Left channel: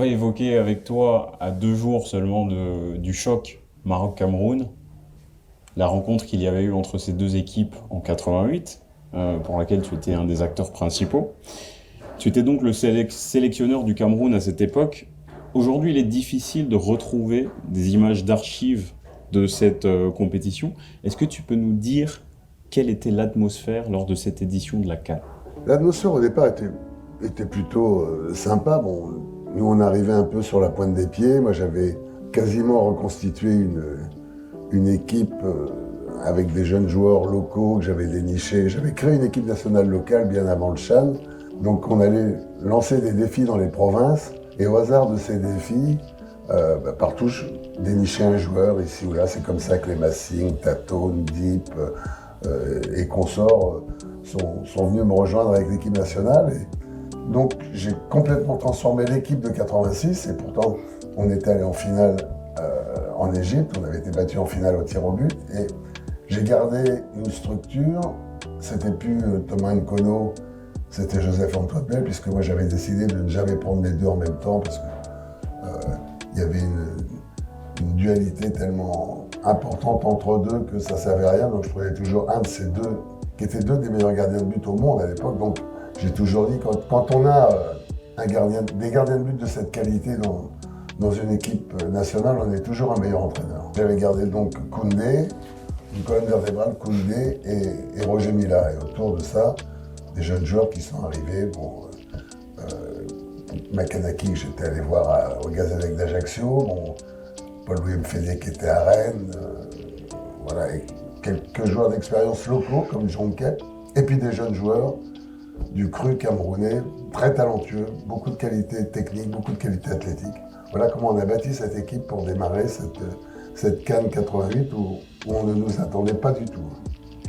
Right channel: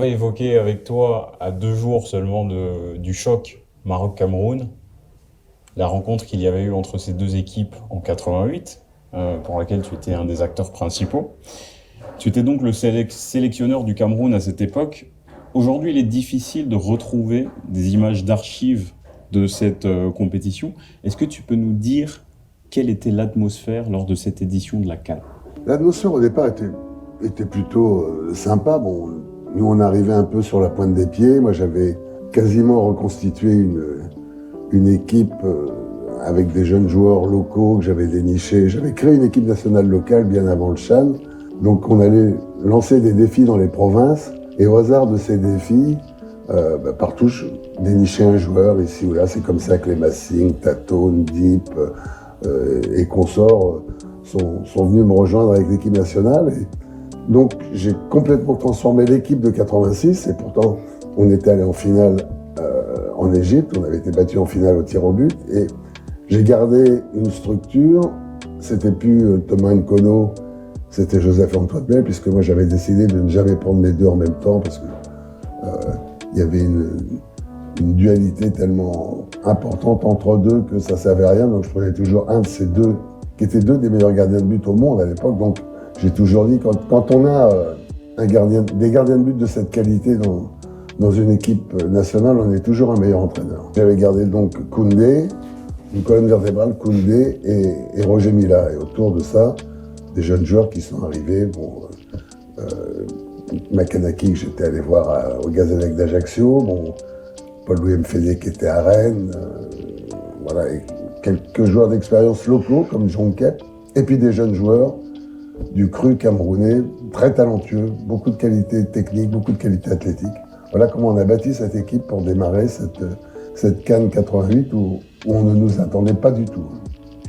On va évoquer avec toi, à 2 jours seulement du choc Maroc-Cameroun, la rencontre qu'il y avait eu entre ces deux équipes en 88, pour laquelle tu étais un des acteurs principaux. Tu étais donc le sélectionneur du Cameroun à cette époque. Aujourd'hui, il est difficile de retrouver des images d'archives de cette compétition. Est-ce que tu peux nous dire quelle était l'atmosphère lors de cette édition de la CAN? L'atmosphère au départ était plutôt sympa. Bon, nous on arrivait un peu sur la pointe des pieds. Moi j'avais quasiment reconstitué une équipe avec des jeunes joueurs locaux que j'avais dénichés. J'avais créé une équipe nationale locale bien avant le CHAN. Donc on allait lancer des défis dans les provinces. Et au hasard de ces défis, partout je dénichais un joueur ici ou là. C'est comme ça que les Massing, Tato, Deep et consorts sont venus me rejoindre avec l'équipe nationale. Et donc j'ai complètement transformé l'équipe de 86 et pourtant on était allé en finale en Égypte, on avait été battu en finale au tir au but et j'ai gardé une structure. C'était plus Thomas Nkono, c'était Joseph Antoine Bell, puisque moi j'avais décidé de ne jamais prendre les deux en même temps parce que il y avait une dualité tellement importante entre deux que ça ne servait à rien. Donc je prenais toujours un de ces deux qui étaient deux des meilleurs gardiens de but au monde à l'époque. Donc j'ai toujours dit, quand on a des gardiens de but de cette qualité dans une équipe nationale, on est toujours un meilleur entraîneur. J'avais gardé donc Koundé, une colonne vertébrale, Koundé et Roger Mila. Et autour de ça, des jeunes joueurs qui sont arrivés. Bon, Makanaki, que j'étais allé voir au Gazélec d'Ajaccio. Bon, Paul-Louis Mfédé qui était à Rennes. Voilà, et quelques joueurs d'expérience locaux comme John Kep. Et puis des jeunes joueurs du cru camerounais, très talentueux, beaucoup de qualité technique, beaucoup de qualité athlétique. Voilà comment on a bâti cette équipe pour démarrer cette CAN 88 où on ne nous attendait pas du tout.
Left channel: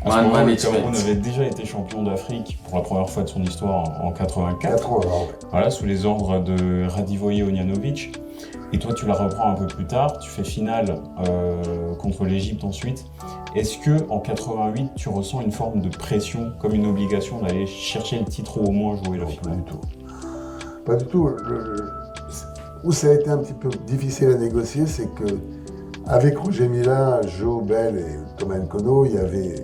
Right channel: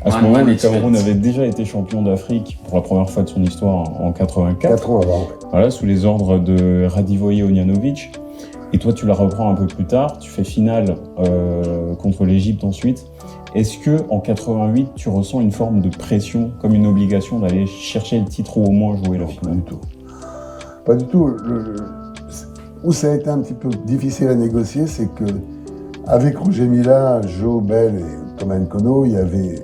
À ce moment, le Cameroun avait déjà été champion d'Afrique pour la première fois de son histoire en 84. 4 ans avant, ouais. Voilà, sous les ordres de Radivoje Ognjanović. Et toi, tu la reprends un peu plus tard. Tu fais finale contre l'Égypte ensuite. Est-ce que en 88, tu ressens une forme de pression, comme une obligation d'aller chercher le titre ou au moins jouer la finale? Pas du tout. Pas du tout. Où ça a été un petit peu difficile à négocier, c'est que avec Roger Mila, Joe Bell et Thomas Nkono, il y avait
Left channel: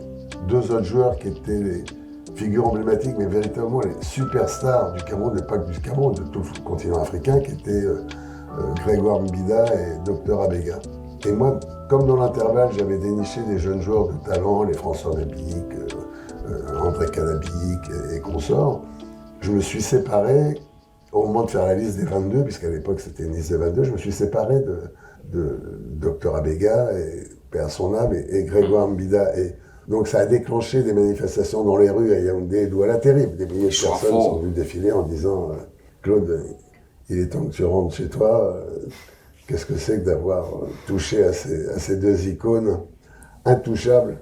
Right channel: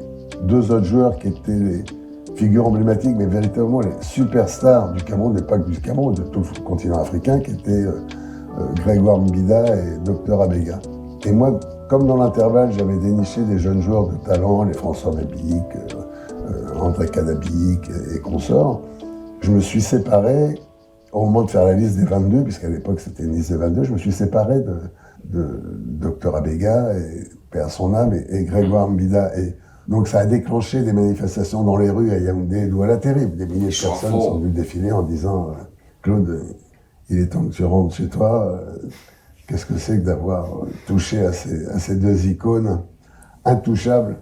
deux autres joueurs qui étaient les figures emblématiques, mais véritablement les superstars du Cameroun, et pas que du Cameroun, de tout le continent africain, qui étaient Grégoire Mbida et Dr Abega. Et moi, comme dans l'intervalle, j'avais déniché des jeunes joueurs de talent, les François Nabic, André Canabic et consorts, je me suis séparé, au moment de faire la liste des 22, puisqu'à l'époque c'était une liste des 22, je me suis séparé de Dr Abega, et paix à son âme, et Grégoire Mbida. Et donc ça a déclenché des manifestations dans les rues à Yaoundé, Douala terrible. Des milliers de personnes sont venues défiler en disant Claude, il est temps que tu rentres chez toi. Qu'est-ce que c'est que d'avoir touché à ces deux icônes intouchables,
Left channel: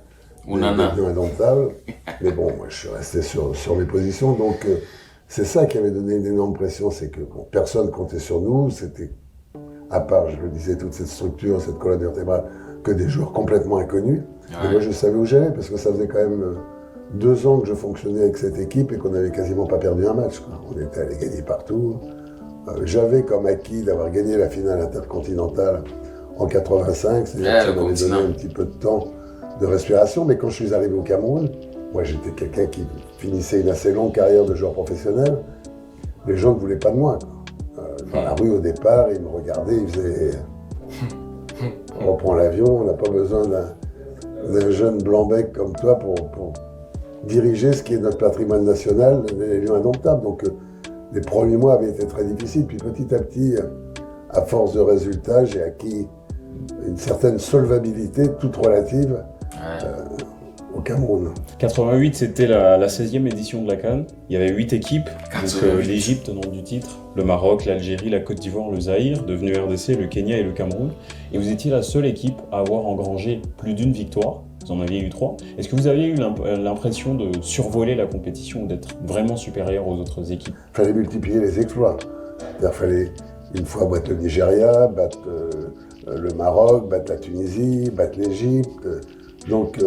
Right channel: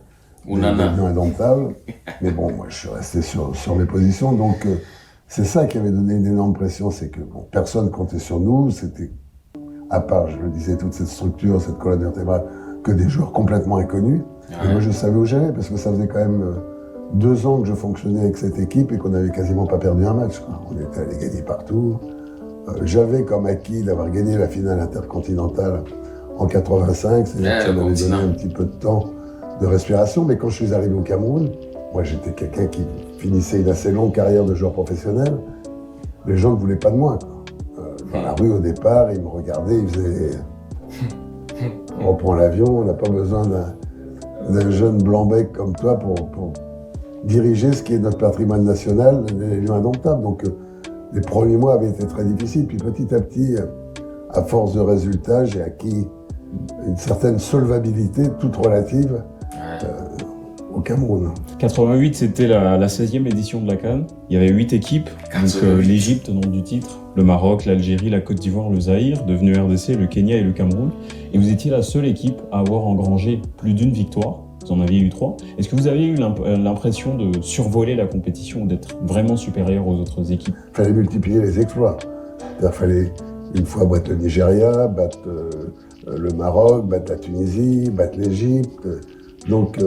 devenues indomptables. Mais bon, moi je suis resté sur mes positions. Donc c'est ça qui avait donné une énorme pression, c'est que bon, personne comptait sur nous. C'était, à part, je le disais, toute cette structure, cette colonne vertébrale, que des joueurs complètement inconnus. Ouais. Et moi je savais où j'allais, parce que ça faisait quand même 2 ans que je fonctionnais avec cette équipe et qu'on n'avait quasiment pas perdu un match, quoi. On était allé gagner partout. J'avais comme acquis d'avoir gagné la finale intercontinentale en 85, c'est-à-dire que ça m'avait donné un petit peu de temps de respiration, mais quand je suis arrivé au Cameroun, moi j'étais quelqu'un qui finissait une assez longue carrière de joueur professionnel, les gens ne voulaient pas de moi, quoi. Dans la rue au départ, ils me regardaient, ils faisaient « on reprend l'avion, on n'a pas besoin d'un jeune blanc-bec comme toi pour diriger ce qui est notre patrimoine national, les lieux indomptables ». Donc les premiers mois avaient été très difficiles, puis petit à petit, à force de résultats, j'ai acquis une certaine solvabilité, toute relative, au Cameroun. 88, c'était la 16e édition de la CAN. Il y avait 8 équipes, donc l'Égypte, nom du titre, le Maroc, l'Algérie, la Côte d'Ivoire, le Zaïre, devenu RDC, le Kenya et le Cameroun. Et vous étiez la seule équipe à avoir engrangé plus d'une victoire. Vous en aviez eu 3. Est-ce que vous aviez eu l'impression de survoler la compétition ou d'être vraiment supérieur aux autres équipes? Il fallait multiplier les exploits. Il fallait une fois battre le Nigeria, battre le Maroc, battre la Tunisie, battre l'Égypte. Donc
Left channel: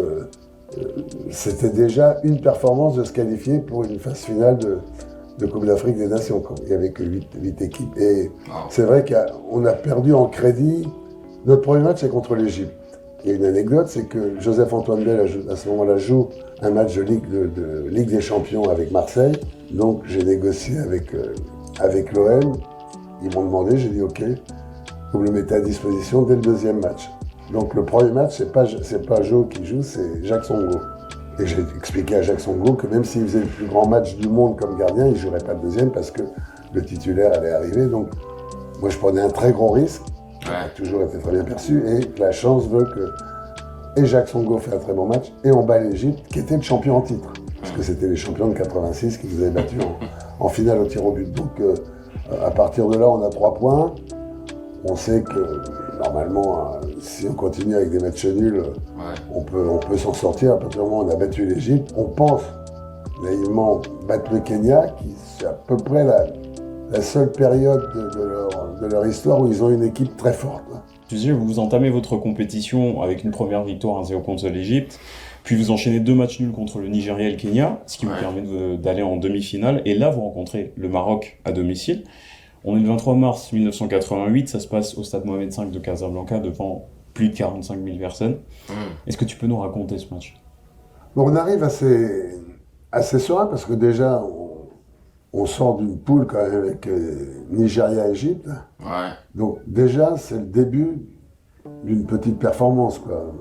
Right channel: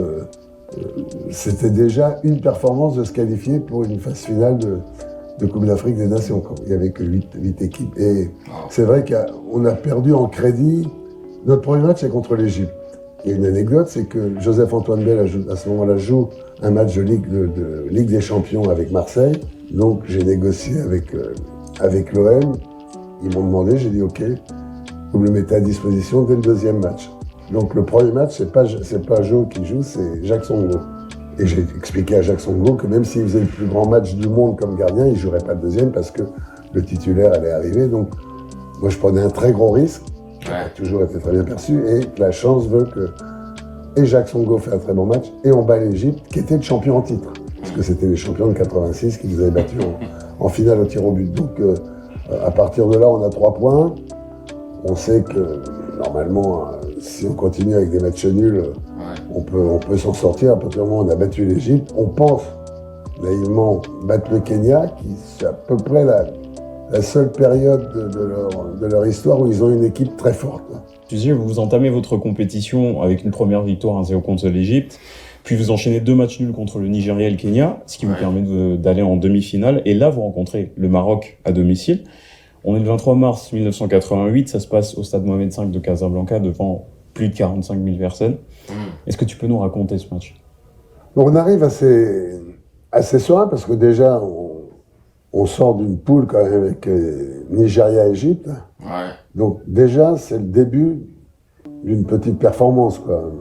c'était déjà une performance de se qualifier pour une phase finale de Coupe d'Afrique des Nations. Il n'y avait que 8 équipes. Et c'est vrai qu'on a perdu en crédit. Notre premier match est contre l'Égypte. Il y a une anecdote, c'est que Joseph-Antoine Bell, à ce moment-là, joue un match de Ligue des Champions avec Marseille. Donc j'ai négocié avec l'OM. Ils m'ont demandé, j'ai dit OK, vous me le mettez à disposition dès le deuxième match. Donc le premier match, c'est pas Joe qui joue, c'est Jacques Songo. Et j'ai expliqué à Jacques Songo que même s'il faisait le plus grand match du monde comme gardien, il ne jouerait pas le deuxième parce que le titulaire allait arriver. Donc moi je prenais un très gros risque, qui a toujours été très bien perçu, et la chance veut que et Jacques Songo fait un très bon match, et on bat l'Égypte, qui était le champion en titre. Parce que c'était les champions de 86 qui nous avaient battus en finale au tir au but. Donc à partir de là, on a 3 points. On sait que normalement, si on continue avec des matchs nuls, on peut s'en sortir. À partir du moment où on a battu l'Égypte, on pense naïvement battre le Kenya, qui c'est à peu près la seule période de leur histoire où ils ont une équipe très forte. Tu disais, vous entamez votre compétition avec une première victoire 1-0 contre l'Égypte, puis vous enchaînez 2 matchs nuls contre le Nigeria et le Kenya, ce qui vous permet d'aller en demi-finale. Et là, vous rencontrez le Maroc à domicile. On est le 23 mars 1988, ça se passe au stade Mohamed V de Casablanca devant plus de 45 000 personnes. Est-ce que tu peux nous raconter ce match? On arrive assez serein parce que déjà, on sort d'une poule quand même avec Nigeria-Égypte. Donc déjà, c'est le début d'une petite performance, quoi.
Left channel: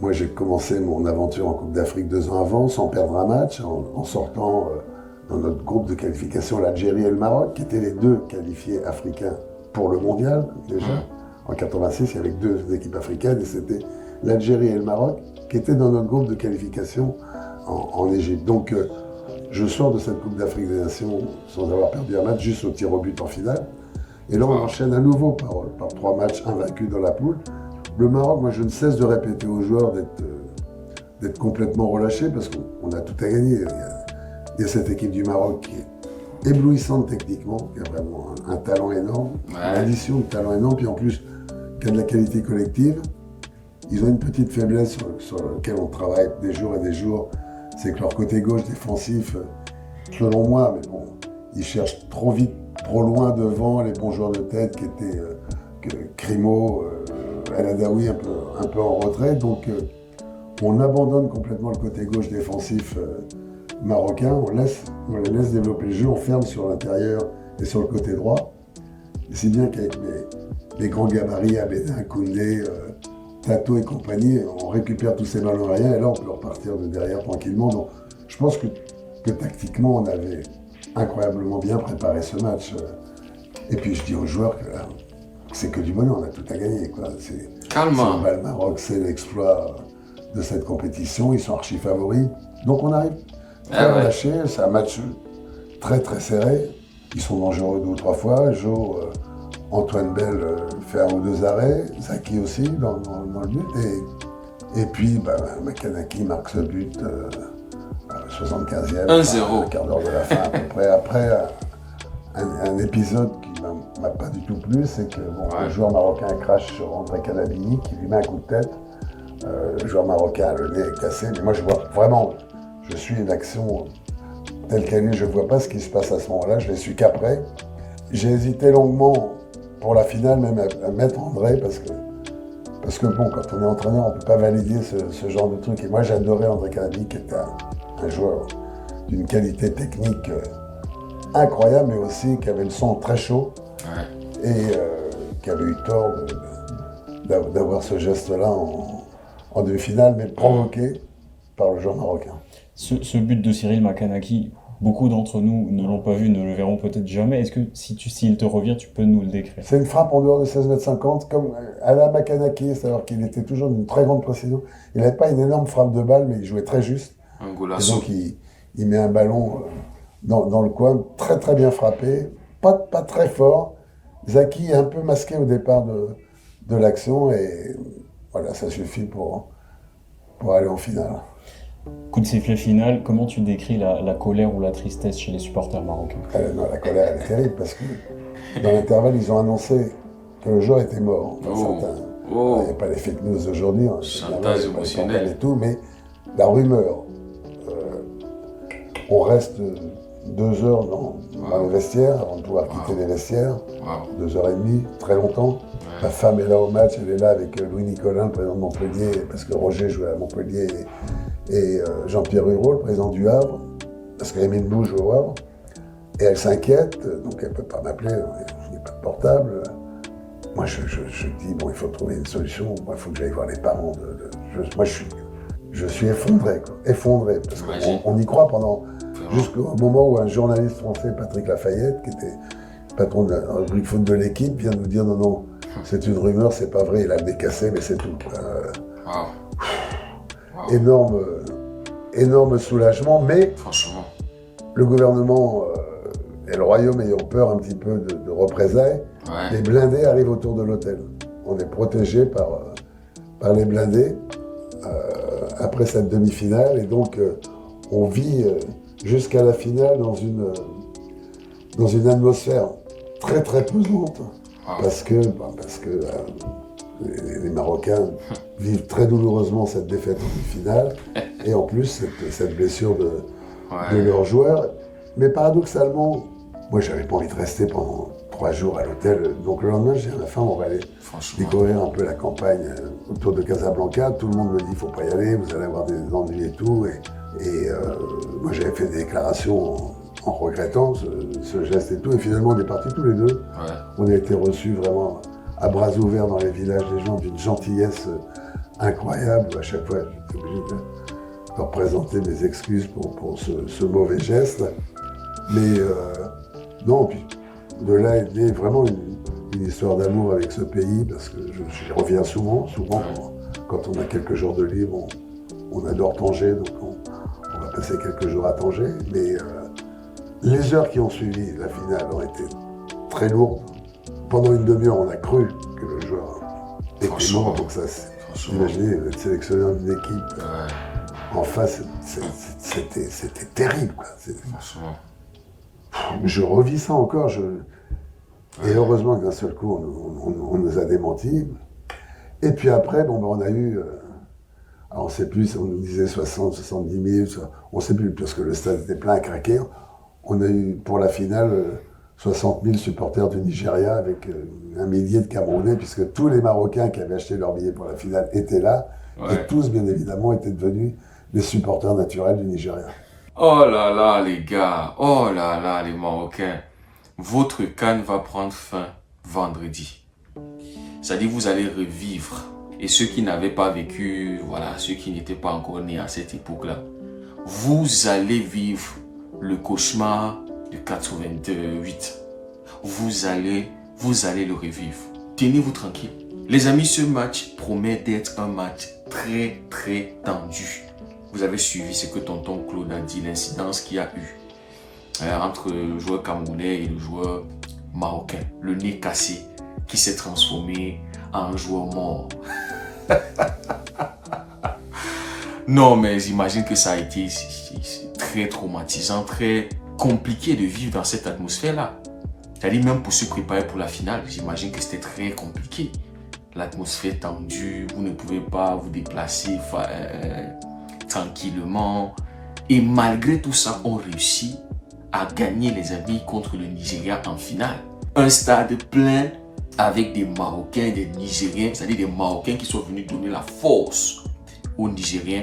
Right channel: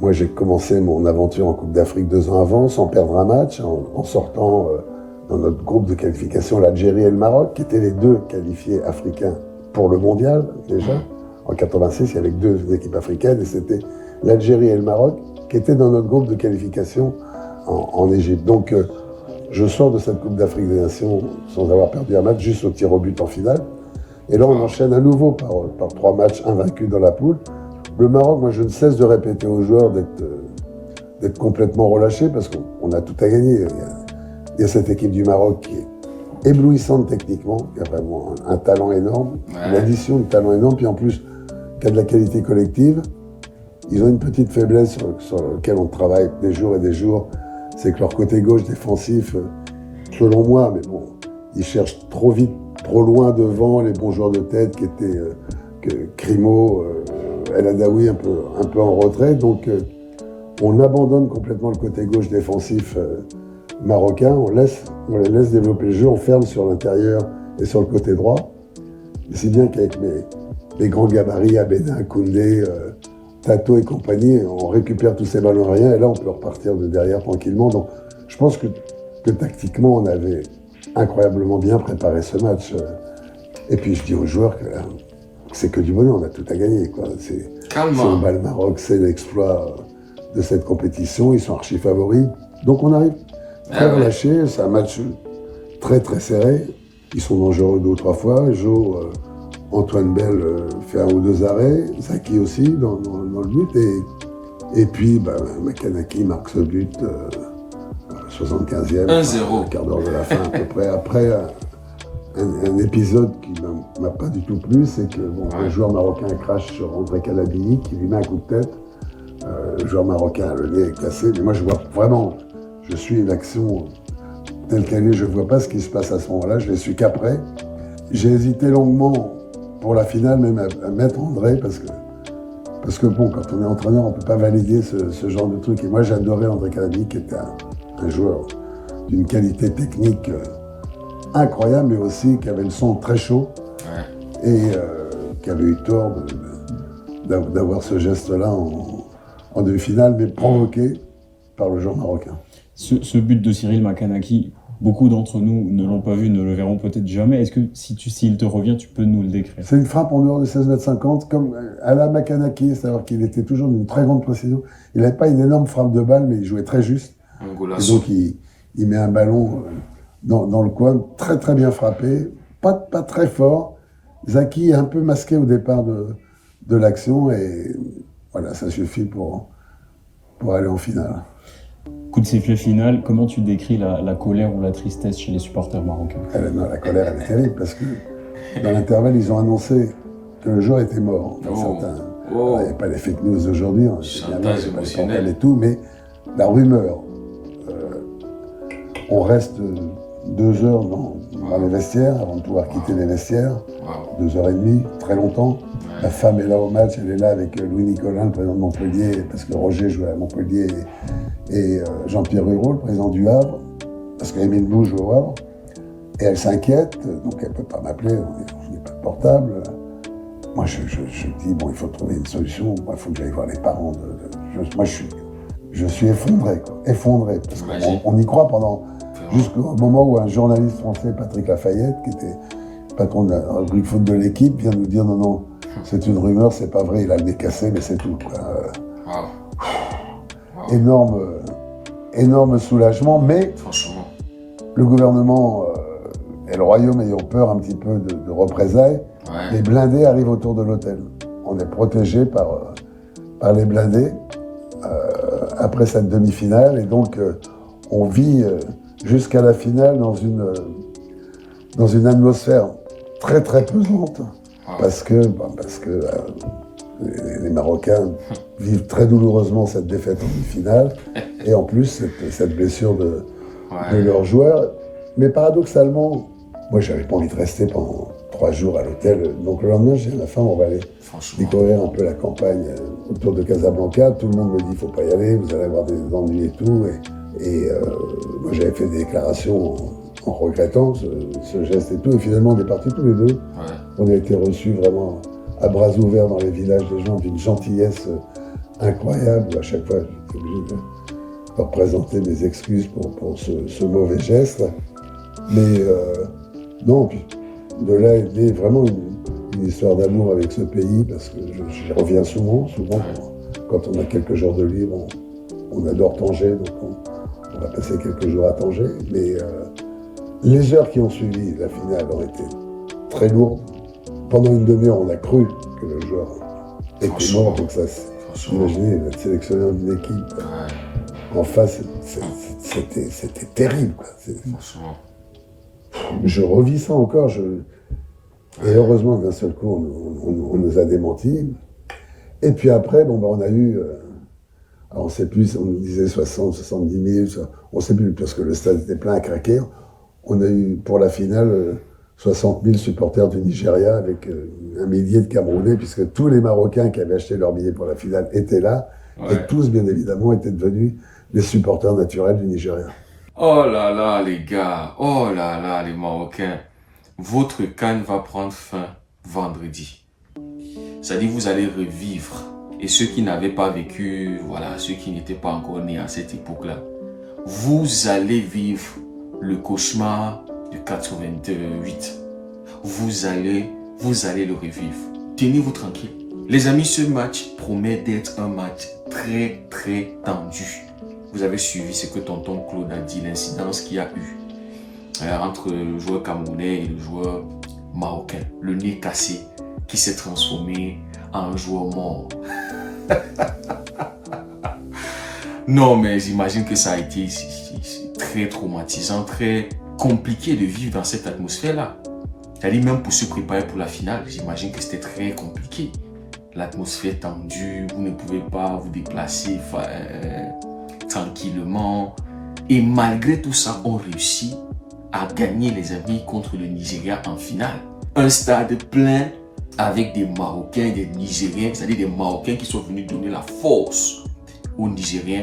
Moi, j'ai commencé mon aventure en Coupe d'Afrique 2 ans avant, sans perdre un match, en sortant dans notre groupe de qualification l'Algérie et le Maroc, qui étaient les 2 qualifiés africains pour le mondial, déjà. En 86, il y avait 2 équipes africaines, et c'était l'Algérie et le Maroc qui étaient dans notre groupe de qualification en Égypte. Donc, je sors de cette Coupe d'Afrique des Nations sans avoir perdu un match, juste au tir au but en finale. Et là, on enchaîne à nouveau par 3 matchs invaincus dans la poule. Le Maroc, moi, je ne cesse de répéter aux joueurs d'être complètement relâchés parce qu'on a tout à gagner. Il y a cette équipe du Maroc qui est éblouissante techniquement, qui a vraiment un talent énorme, une addition de talent énorme, puis en plus, qui a de la qualité collective. Ils ont une petite faiblesse sur laquelle on travaille des jours et des jours, c'est que leur côté gauche défensif, selon moi, mais bon, ils cherchent trop vite, trop loin devant les bons joueurs de tête qui étaient Crimo, El Adaoui un peu en retrait. Donc on abandonne complètement le côté gauche défensif marocain, on les laisse développer le jeu, on ferme sur l'intérieur et sur le côté droit. Et si bien qu'avec mes grands gabarits, Abedin, Koundé, Tato et compagnie, on récupère tous ces ballons aériens et là on peut repartir de derrière tranquillement. Donc je pense que tactiquement on avait incroyablement bien préparé ce match. Et puis je dis aux joueurs que c'est que du bonheur, on a tout à gagner, quoi. Calme. On bat le Maroc, c'est l'exploit de cette compétition, ils sont archi favoris. Donc on arrive très relâché, c'est un match très très serré. Ils sont dangereux 2 ou 3 fois. Antoine Bell fait 1 ou 2 arrêts, Zaki aussi dans le but. Et puis Makanaki marque ce but 75e, 1-0. un quart d'heure de la fin à peu près. Après un épisode qui m'a pas du tout plu, c'est que un joueur marocain crache sur André Calabini qui lui met un coup de tête. Le joueur marocain a le nez cassé, mais moi je vois vraiment, je suis l'action telle qu'elle est, je vois pas ce qui se passe à ce moment-là, je l'ai su qu'après. J'ai hésité longuement pour la finale même à mettre André parce que bon, quand on est entraîneur, on peut pas valider ce genre de truc. Et moi j'adorais André Calabini qui était un joueur d'une qualité technique incroyable, mais aussi qui avait le son très chaud et qui avait eu tort d'avoir ce geste-là en demi-finale, mais provoqué par le joueur marocain. Ce but de Cyril Makanaki, beaucoup d'entre nous ne l'ont pas vu, ne le verront peut-être jamais. Est-ce que s'il te revient, tu peux nous le décrire? C'est une frappe en dehors de 16,50 m, comme à la Makanaki, c'est-à-dire qu'il était toujours d'une très grande précision. Il n'avait pas une énorme frappe de balle, mais il jouait très juste. Et donc il met un ballon dans le coin, très très bien frappé, pas très fort. Zaki est un peu masqué au départ de l'action et voilà, ça suffit pour aller en finale. Coup de sifflet final, comment tu décris la colère ou la tristesse chez les supporters marocains? La colère, elle est terrible parce que dans l'intervalle, ils ont annoncé que le joueur était mort. Il n'y avait pas les fake news d'aujourd'hui, chantage émotionnel et tout, mais la rumeur, on reste 2 heures dans les vestiaires avant de pouvoir quitter les vestiaires. 2h30, très longtemps. Ma femme est là au match, elle est là avec Louis Nicolin, le président de Montpellier, parce que Roger jouait à Montpellier, et Jean-Pierre Hureau, le président du Havre, parce qu'Émile Bou joue au Havre. Et elle s'inquiète, donc elle ne peut pas m'appeler, il n'y a pas de portable. Moi, je dis, bon, il faut trouver une solution, il faut que j'aille voir les parents. Moi, je suis effondré, quoi. Effondré, parce qu'on y croit jusqu'au moment où un journaliste français, Patrick Lafayette, qui était patron de la rubrique foot de l'équipe, vient nous dire, non, c'est une rumeur, c'est pas vrai, il a le nez cassé, mais c'est tout. Énorme soulagement, mais franchement, le gouvernement et le royaume ayant peur un petit peu de représailles, les blindés arrivent autour de l'hôtel. On est protégé par les blindés après cette demi-finale, et donc on vit jusqu'à la finale dans une atmosphère très très pesante, parce que les Marocains vivent très douloureusement cette défaite en demi-finale, et en plus cette blessure de leurs joueurs. Mais paradoxalement, moi j'avais pas envie de rester pendant 3 jours à l'hôtel, donc le lendemain j'ai dit à ma femme, on va aller découvrir un peu la campagne autour de Casablanca. Tout le monde me dit, il faut pas y aller, vous allez avoir des ennuis et tout, et moi j'avais fait des déclarations en regrettant ce geste et tout, et finalement on est partis tous les deux. On a été reçus vraiment à bras ouverts dans les villages des gens, d'une gentillesse incroyable. À chaque fois, j'étais obligé de leur présenter mes excuses pour ce mauvais geste. Mais non, puis de là est née vraiment une histoire d'amour avec ce pays, parce que j'y reviens souvent, quand on a quelques jours de libre, on adore Tanger, donc on va passer quelques jours à Tanger. Mais les heures qui ont suivi la finale ont été très lourdes. Pendant une demi-heure, on a cru que le joueur était mort, donc ça, imaginez, être sélectionneur d'une équipe en face, c'était terrible, quoi. Je revis ça encore, et heureusement que d'un seul coup, on nous a démentis. Et puis après, on a eu, alors on ne sait plus, on nous disait 60, 70 000, on ne sait plus, parce que le stade était plein à craquer. On a eu, pour la finale, 60 000 supporters du Nigeria, avec 1 millier de Camerounais, puisque tous les Marocains qui avaient acheté leur billet pour la finale étaient là, et tous, bien évidemment, étaient devenus des supporters naturels du Nigeria. Oh là là, les gars, oh là là, les Marocains, votre CAN va prendre fin vendredi. C'est-à-dire vous allez revivre. Et ceux qui n'avaient pas vécu, voilà, ceux qui n'étaient pas encore nés à cette époque-là, vous allez vivre le cauchemar de 88. Vous allez le revivre. Tenez-vous tranquille. Les amis, ce match promet d'être un match très très tendu. Vous avez suivi ce que tonton Claude a dit, l'incidence qu'il y a eu entre le joueur camerounais et le joueur marocain. Le nez cassé qui s'est transformé en joueur mort. Non, mais j'imagine que ça a été très traumatisant, très compliqué de vivre dans cette atmosphère-là. C'est-à-dire même pour se préparer pour la finale, j'imagine que c'était très compliqué. L'atmosphère tendue, vous ne pouvez pas vous déplacer tranquillement. Et malgré tout ça, on réussit à gagner, les amis, contre le Nigeria en finale. Un stade plein avec des Marocains, des Nigériens, c'est-à-dire des Marocains qui sont venus donner la force aux Nigériens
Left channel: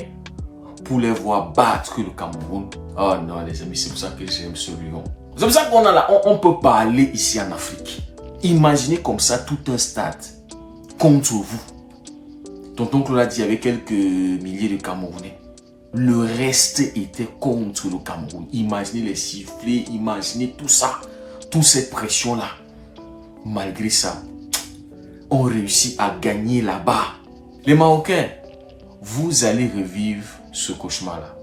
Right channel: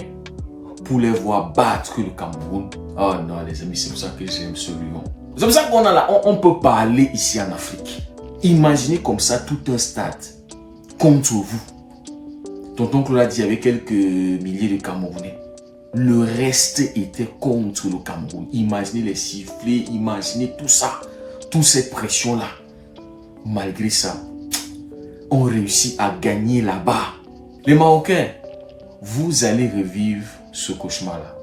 pour les voir battre le Cameroun. Oh non, les amis, c'est pour ça que j'aime ce lion. C'est pour ça qu'on a là, on peut parler ici en Afrique. Imaginez comme ça tout un stade contre vous. Tonton Claude a dit, il y avait quelques milliers de Camerounais. Le reste était contre le Cameroun. Imaginez les sifflets, imaginez tout ça, toute cette pression-là. Malgré ça, on réussit à gagner là-bas. Les Marocains, vous allez revivre ce cauchemar-là.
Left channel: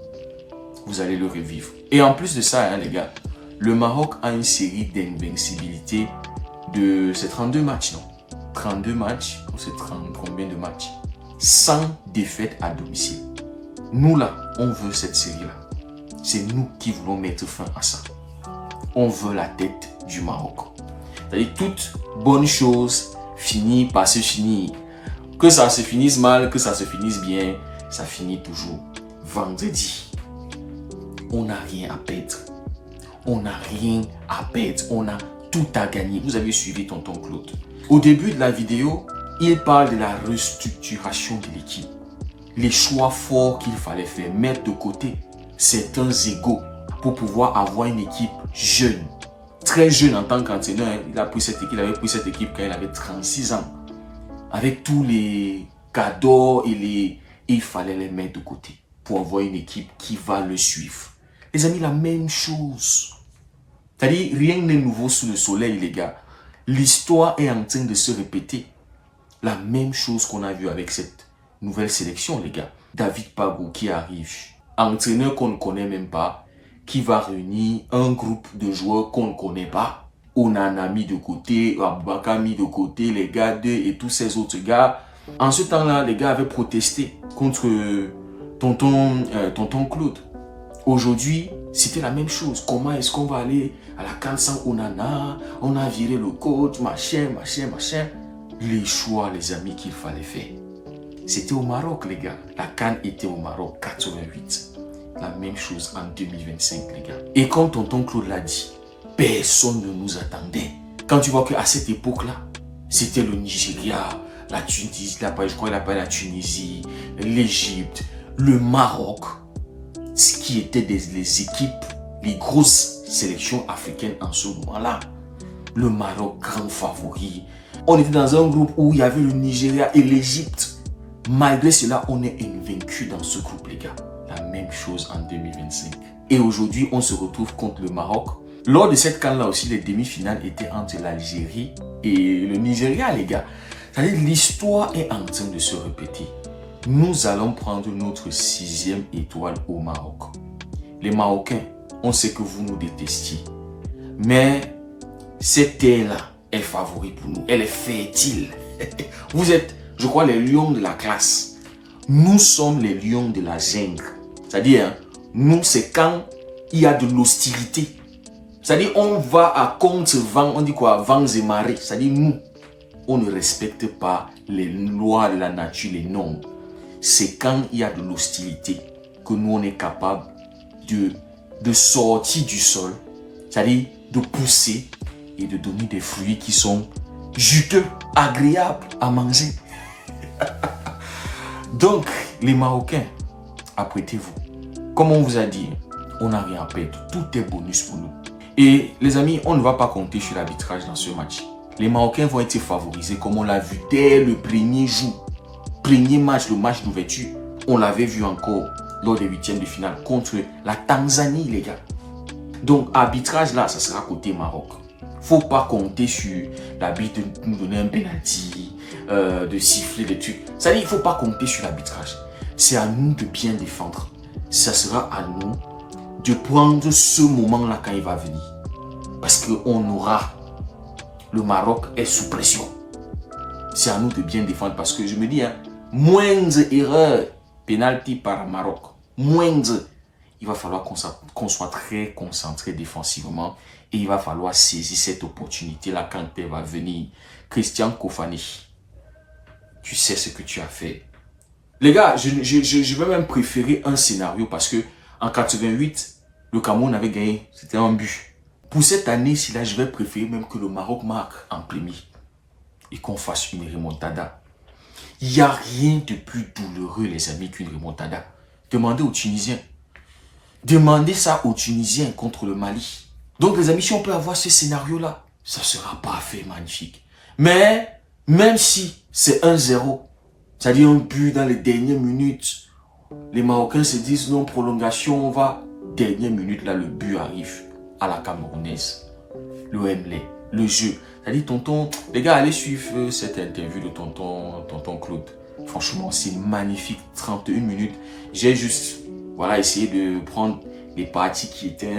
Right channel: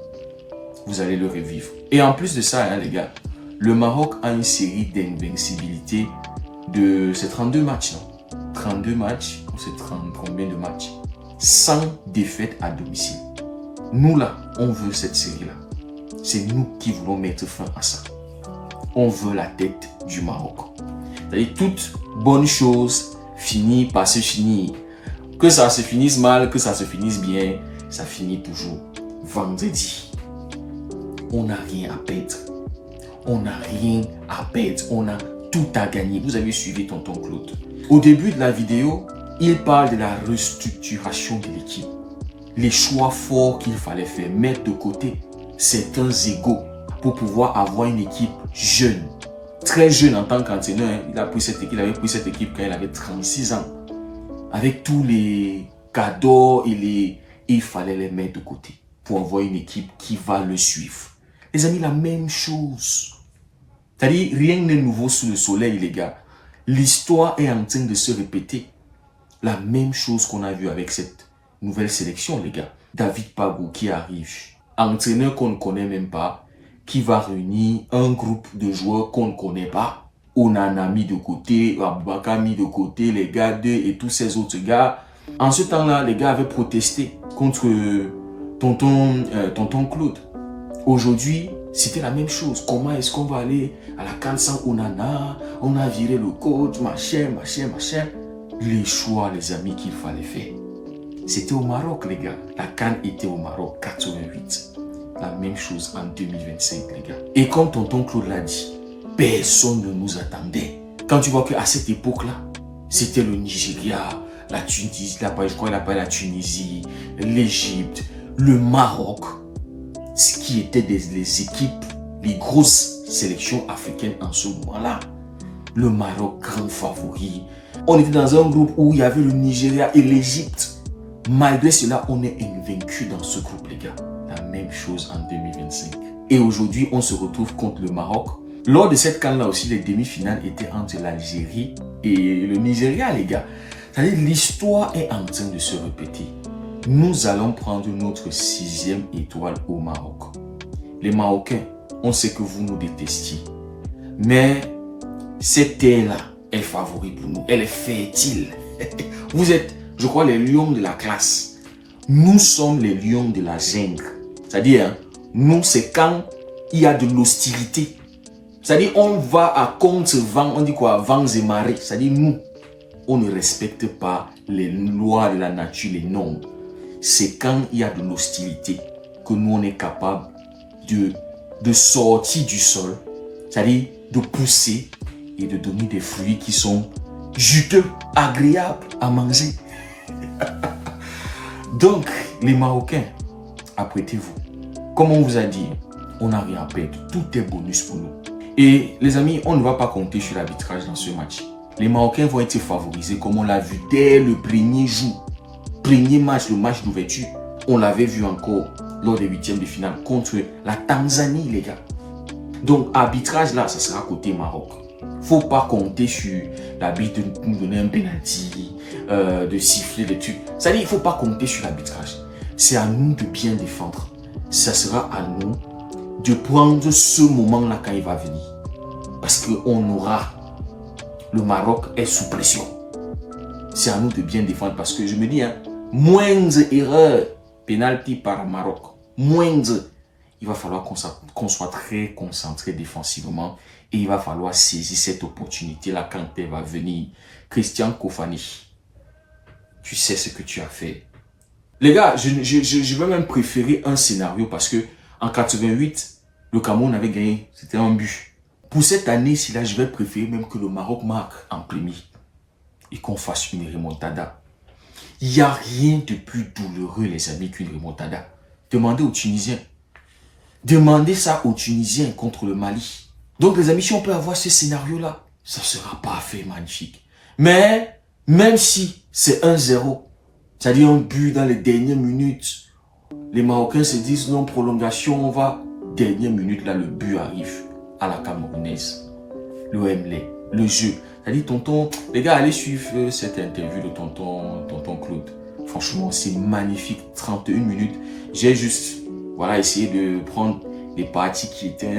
Vous allez le revivre. Et en plus de ça, hein, les gars, le Maroc a une série d'invincibilité de... C'est 32 matchs, non? 32 matchs, ou c'est 30 combien de matchs? 100 défaites à domicile. Nous là, on veut cette série-là. C'est nous qui voulons mettre fin à ça. On veut la tête du Maroc. C'est-à-dire toute bonne chose finit par se finir. Que ça se finisse mal, que ça se finisse bien, ça finit toujours. Vendredi, on n'a rien à perdre. on n'a rien à perdre, on a tout à gagner. Vous avez suivi tonton Claude. Au début de la vidéo, il parle de la restructuration de l'équipe. Les choix forts qu'il fallait faire, mettre de côté certains égos pour pouvoir avoir une équipe jeune. Très jeune en tant qu'entraîneur, hein. Il avait pris cette équipe quand il avait 36 ans. Avec tous les cadeaux et il fallait les mettre de côté pour avoir une équipe qui va le suivre. Les amis, la même chose. C'est-à-dire, rien n'est nouveau sous le soleil, les gars. L'histoire est en train de se répéter. La même chose qu'on a vu avec cette nouvelle sélection, les gars. David Pabou qui arrive, entraîneur qu'on ne connaît même pas, qui va réunir un groupe de joueurs qu'on ne connaît pas. Onana mis de côté, Aboubakar mis de côté, les gars d'eux et tous ces autres gars. En ce temps-là, les gars avaient protesté contre tonton Claude. Aujourd'hui, c'était la même chose. Comment est-ce qu'on va aller à la CAN sans Onana? On a viré le coach, machin. Les choix, les amis, qu'il fallait faire. C'était au Maroc, les gars. La CAN était au Maroc, 88. La même chose en 2025, les gars. Et comme tonton Claude l'a dit, personne ne nous attendait. Quand tu vois qu'à cette époque-là, c'était le Nigeria, la Tunisie, je crois qu'il appelle la Tunisie, l'Égypte, le Maroc, ce qui étaient les équipes, les grosses sélections africaines en ce moment-là. Le Maroc, grand favori. On était dans un groupe où il y avait le Nigeria et l'Égypte. Malgré cela, on est invaincus dans ce groupe, les gars. La même chose en 2025. Et aujourd'hui, on se retrouve contre le Maroc. Lors de cette CAN-là aussi, les demi-finales étaient entre l'Algérie et le Nigeria, les gars. C'est-à-dire, l'histoire est en train de se répéter. Nous allons prendre notre 6e étoile au Maroc. Les Marocains, on sait que vous nous détestiez. Mais cette terre-là est favori pour nous. Elle est fertile. Vous êtes, je crois, les lions de la classe. Nous sommes les lions de la jungle. C'est-à-dire, hein, nous, c'est quand il y a de l'hostilité. C'est-à-dire, on va à contre-vent, on dit quoi, vents et marées. C'est-à-dire, nous, on ne respecte pas les lois de la nature, les normes. C'est quand il y a de l'hostilité que nous, on est capable de sortir du sol, c'est-à-dire de pousser et de donner des fruits qui sont juteux, agréables à manger. Donc, les Marocains, apprêtez-vous. Comme on vous a dit, on n'a rien à perdre. Tout est bonus pour nous. Et les amis, on ne va pas compter sur l'arbitrage dans ce match. Les Marocains vont être favorisés comme on l'a vu dès le premier jour. Premier match, le match d'ouverture. On l'avait vu encore lors des 8e de finale contre la Tanzanie, les gars. Donc, arbitrage là, ça sera côté Maroc. Faut pas compter sur l'arbitre de nous donner un penalty, de siffler des trucs. Ça dit, il faut pas compter sur l'arbitrage. C'est à nous de bien défendre. Ça sera à nous de prendre ce moment-là quand il va venir. Parce qu'on aura... Le Maroc est sous pression. C'est à nous de bien défendre parce que je me dis, hein, moindre erreur, penalty par Maroc, moindre, il va falloir qu'on soit très concentré défensivement et il va falloir saisir cette opportunité-là quand elle va venir. Christian Kofani, tu sais ce que tu as fait. Les gars, je vais même préférer un scénario parce que en 88, le Cameroun avait gagné, c'était un but. Pour cette année-ci, là, je vais préférer même que le Maroc marque en premier et qu'on fasse une remontada. Il n'y a rien de plus douloureux, les amis, qu'une remontada. Demandez aux Tunisiens. Demandez ça aux Tunisiens contre le Mali. Donc, les amis, si on peut avoir ce scénario-là, ça sera parfait, magnifique. Mais, même si c'est 1-0, c'est-à-dire un but dans les dernières minutes, les Marocains se disent non, prolongation, on va. Dernière minute, là, le but arrive à la Camerounaise. Le Wembley, le jeu. C'est-à-dire, tonton, les gars, allez suivre cette interview de tonton Claude. Franchement, c'est magnifique. 31 minutes. J'ai juste, voilà, essayé de prendre les parties qui étaient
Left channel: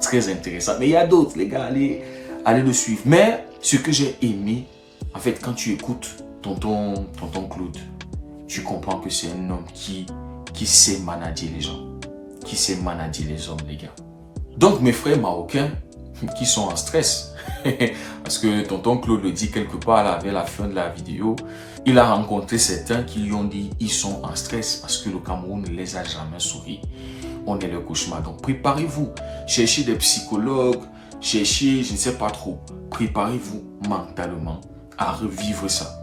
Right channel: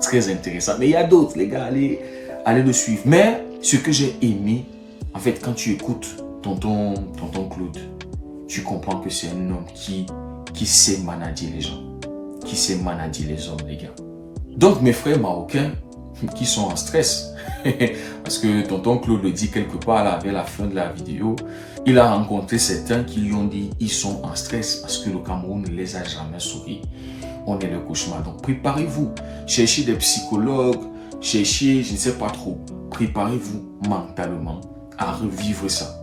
très intéressantes. Mais il y a d'autres, les gars, allez le suivre. Mais, ce que j'ai aimé, en fait, quand tu écoutes tonton Claude, tu comprends que c'est un homme qui sait manager les gens. Qui sait manager les hommes, les gars. Donc, mes frères marocains qui sont en stress, parce que tonton Claude le dit quelque part là, vers la fin de la vidéo, il a rencontré certains qui lui ont dit ils sont en stress parce que le Cameroun ne les a jamais souri. on est le cauchemar. Donc préparez-vous, cherchez des psychologues, cherchez, je ne sais pas trop, préparez-vous mentalement à revivre ça.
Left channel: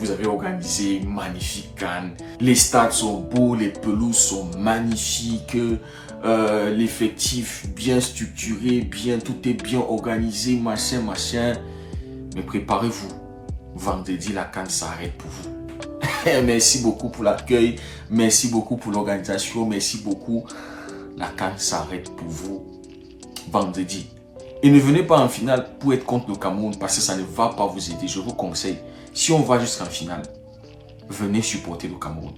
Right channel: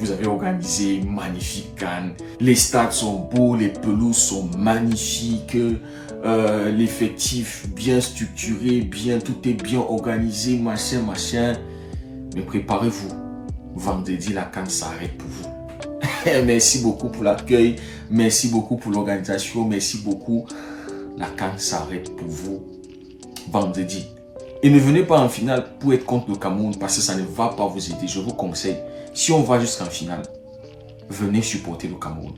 Vous avez organisé une magnifique CAN, les stades sont beaux, les pelouses sont magnifiques, l'effectif bien structuré, tout est bien organisé, machin. Mais préparez-vous, vendredi la CAN s'arrête pour vous. Merci beaucoup pour l'accueil, merci beaucoup pour l'organisation, merci beaucoup. La CAN s'arrête pour vous vendredi. Et ne venez pas en finale pour être contre le Cameroun parce que ça ne va pas vous aider. Je vous conseille, si on va jusqu'en finale, venez supporter le Cameroun.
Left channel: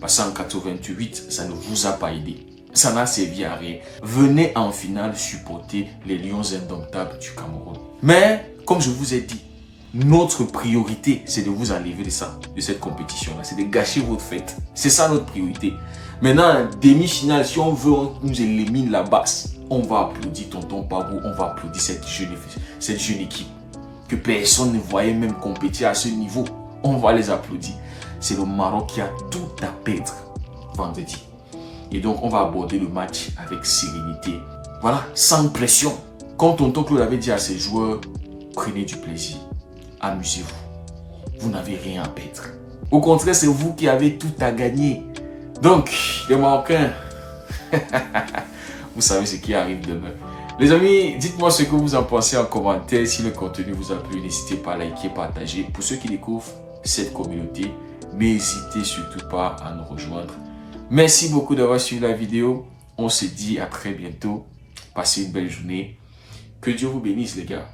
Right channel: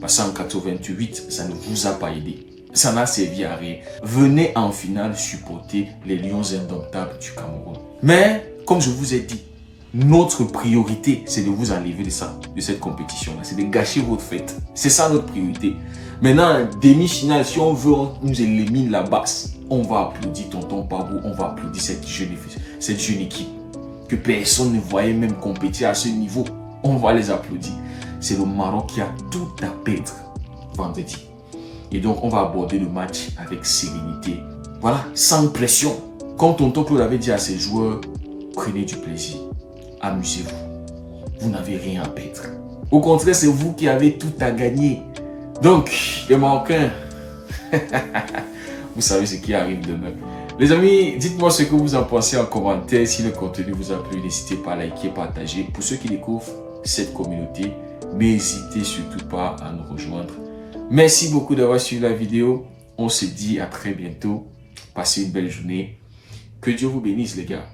Parce qu'en 88, ça ne vous a pas aidé. Ça n'a servi à rien. Venez en finale supporter les Lions indomptables du Cameroun. Mais, comme je vous ai dit, notre priorité, c'est de vous enlever de ça, de cette compétition-là. C'est de gâcher votre fête. C'est ça notre priorité. Maintenant, demi-finale, si on veut, on nous élimine la basse. On va applaudir Tonton Pabou, on va applaudir cette jeune équipe que personne ne voyait même compétir à ce niveau. On va les applaudir. C'est le Maroc qui a tout à perdre vendredi. Et donc, on va aborder le match avec sérénité. Voilà, sans pression. Comme Tonton Claude avait dit à ses joueurs, prenez du plaisir. Amusez-vous. Vous n'avez rien à perdre. Au contraire, c'est vous qui avez tout à gagner. Donc, les Marocains, vous savez ce qui arrive demain. Les amis, dites-moi ce que vous en pensez en commentaire. Si le contenu vous a plu, n'hésitez pas à liker, partager. Pour ceux qui découvrent cette communauté, n'hésitez surtout pas à nous rejoindre. Merci beaucoup d'avoir suivi la vidéo. On se dit à très bientôt. Passez une belle journée. Que Dieu vous bénisse les gars.